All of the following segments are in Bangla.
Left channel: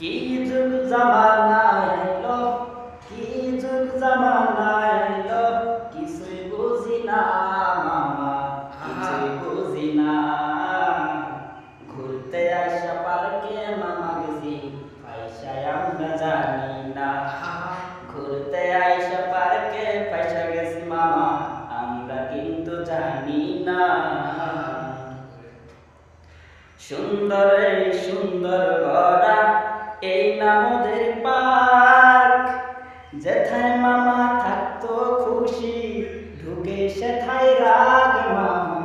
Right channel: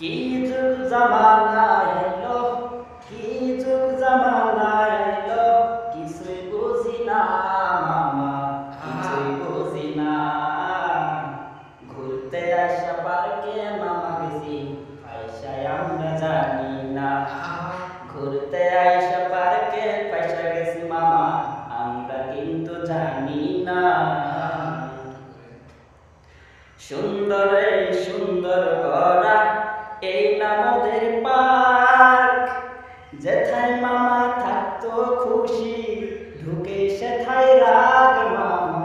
কি যুগ জামানা এলো, কি যুগ জামানা এলো, কিছুই বুঝি না মামা, কিছুই বুঝি না। ঘুরতে আইসা পার্কে মামা গেছি, পয়সায় আমরা জানি না। ঘুরতে আইসা পার্কে পয়সা গেছি মামা, আমরা কিন্তু জানি না। সুন্দর এই সুন্দর গড়া এই নামদের পার্ক, যেথায় মামা থাকতো খুশি, ঢুকে সেথায় রাগ মামা,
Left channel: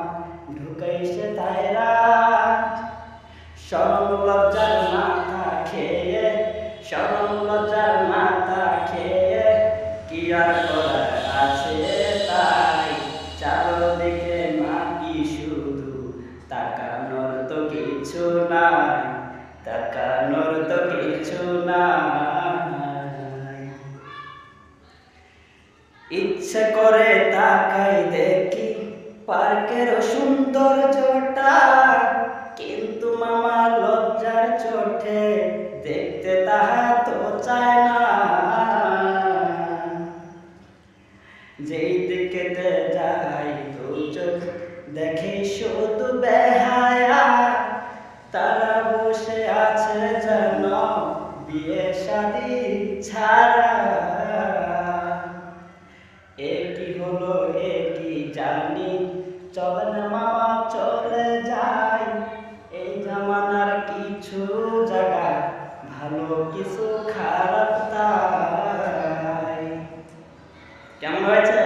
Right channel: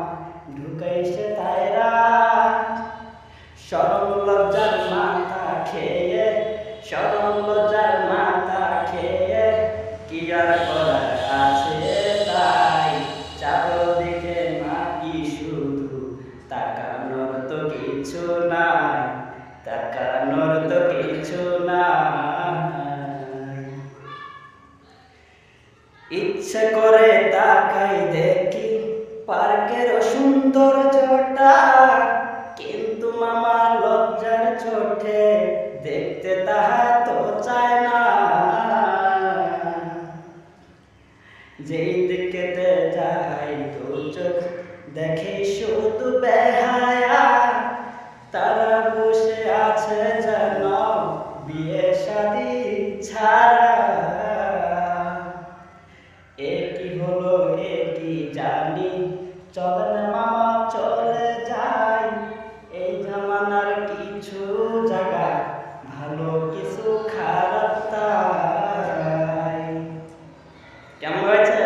ঢুকে সেথায় রাগ। শরম লজ্জার মাথা খেয়ে, শরম লজ্জার মাথা খেয়ে, কি আর করার আছে তাই। চারদিকে মাটি শুধু, তাকানোর তো কিছু নাই, তাকানোর তো কিছু নাই। ইচ্ছে করে তাকাই দেখি পার্কের সৌন্দর্যটা, কিন্তু মামা লজ্জার চোটে দেখতে তাহা তো চায় না। যেই দিকেতে যাই দু চোখ দেখে শুধু বেহায়া, তারা বসে আছে যেন বিয়ে শাদি ছাড়া। এ কি হলো এ কি জানি, চলে না মামা চলে যাই। এই জামানার কিছু জায়গায় ভালো কিছু খারাপ তাই। কেমন হয়েছে?